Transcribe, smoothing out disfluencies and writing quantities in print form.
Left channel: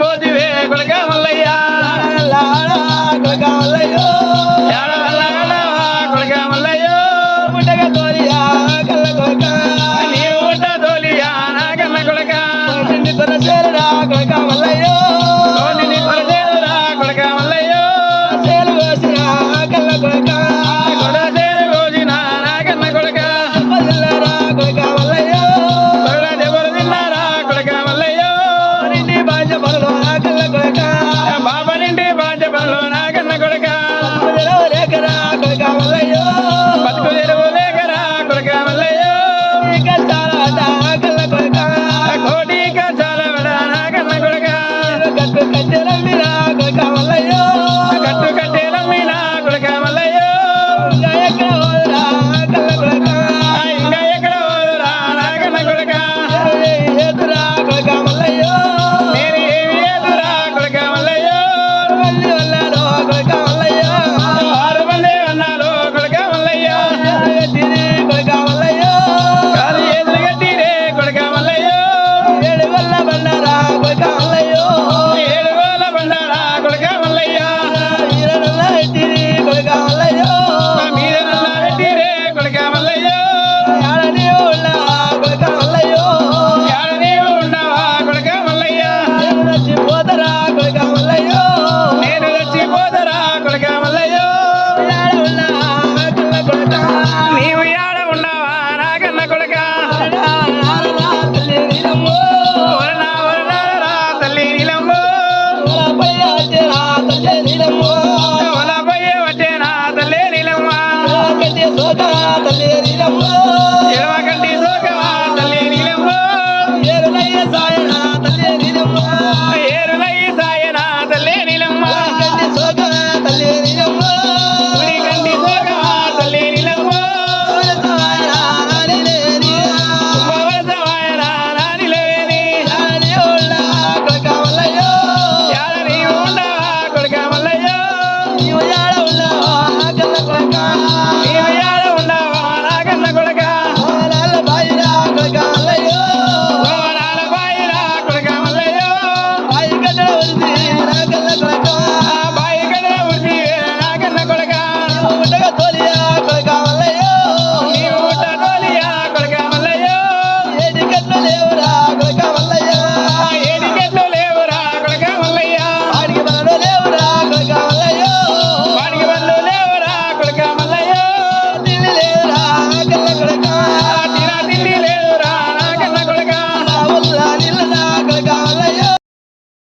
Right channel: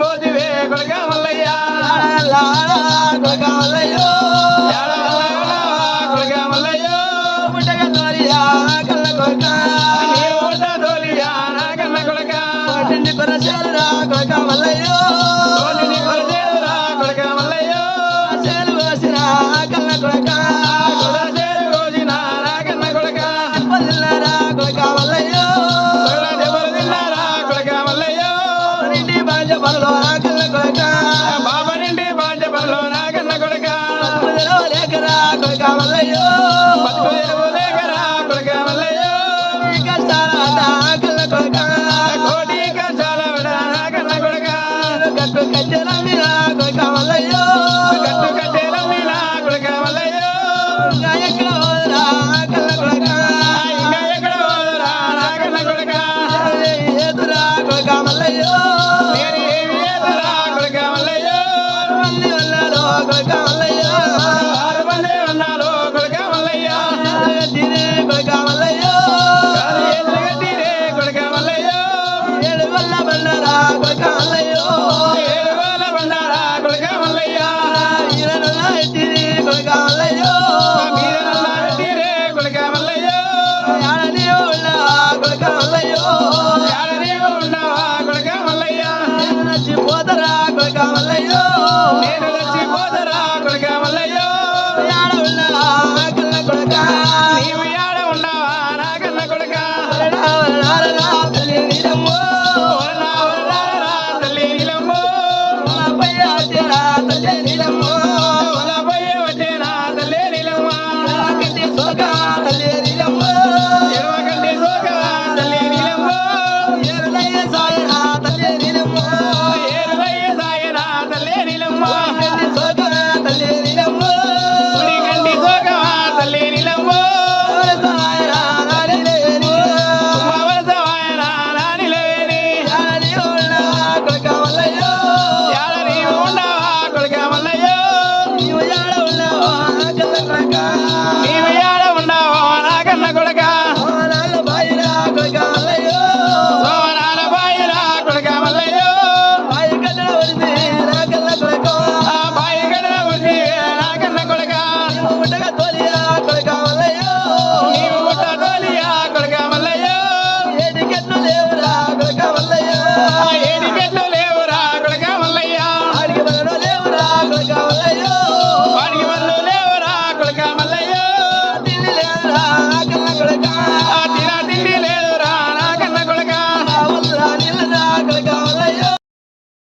మోదివే కొడక మల్లయ్య కొడుక మల్లయ్యో కొడక మల్లయ్య పుట్టక తోలియా కళ్ళ కొడుక నీవు పుట్ట తోలియా నా కన్న కొడక నిన్ను కొరసేరురా కొడుక మల్లయ్యో తోలిని కొరసేరురా కొడక మల్లయ్య సేలు వేసిరా కళ్ళ కొడుక కొడసేరు కోసిన నా కన్న కొడక పదిల్లరా కొడుక మల్లయ్యో కొడ దెబ్బలు తిన్నారా కొడక మల్లయ్య నిండి బాజ పనులు కళ్ళ కొడుక బాబా నిండి బాధ్య పనులు నా కన్న కొడక లేకరా కొడుక మల్లయ్యో బతుకు తెరువు లేకరా కొడక మల్లయ్య కష్టాల కళ్ళ కొడుక కోటి కష్టాల విడ నా కన్న కొడక గట్టు కట్టెలమ్మిరా కొడుక మల్లయ్యో కట్టు కట్టేలమ్మినా కొడక మల్లయ్య ఇంకా ఎక్కడ పోదురా కళ్ళ కొడుక ఇంకా ఎక్కడ పోదురా నా కన్న కొడక ఏదురా కొడుక మల్లయ్యో నేను ఏమి ఏదురా కొడక మల్లయ్య మళ్ళీ వెళ్ళాలో కొడుక మల్లయ్యో 6 మంది అన్నాడు కొడక మల్లయ్య తిని కొడుక మల్లయ్యో కాదు ఎదురుగట్టిరే కొడక మల్లయ్య ఏడు వల్ల బండారా కొడుక మల్లయ్యో 7 వేల బండారా కొడక మల్లయ్య ఈరనల్లా ఎట్టిని కొడుక మల్లయ్యో మా మీద నల్లా పెట్టిరే కొడక మల్లయ్య ఆడ నీవు ఉన్నా కొడుక మల్లయ్యో యాడ నీవు ఉన్నావా కొడక మల్లయ్య నేను నచ్చిపోతరా కొడుక మల్లయ్యో నేను చచ్చిపోతరా కొడక మల్లయ్య ఆడ ఉన్నా కళ్ళ కొడుక నీవు యాడ ఉన్నావా నా కన్న కొడక నారనా తల్లి నీలమ్మో వరనా వరనారా తల్లి నీలమ్మో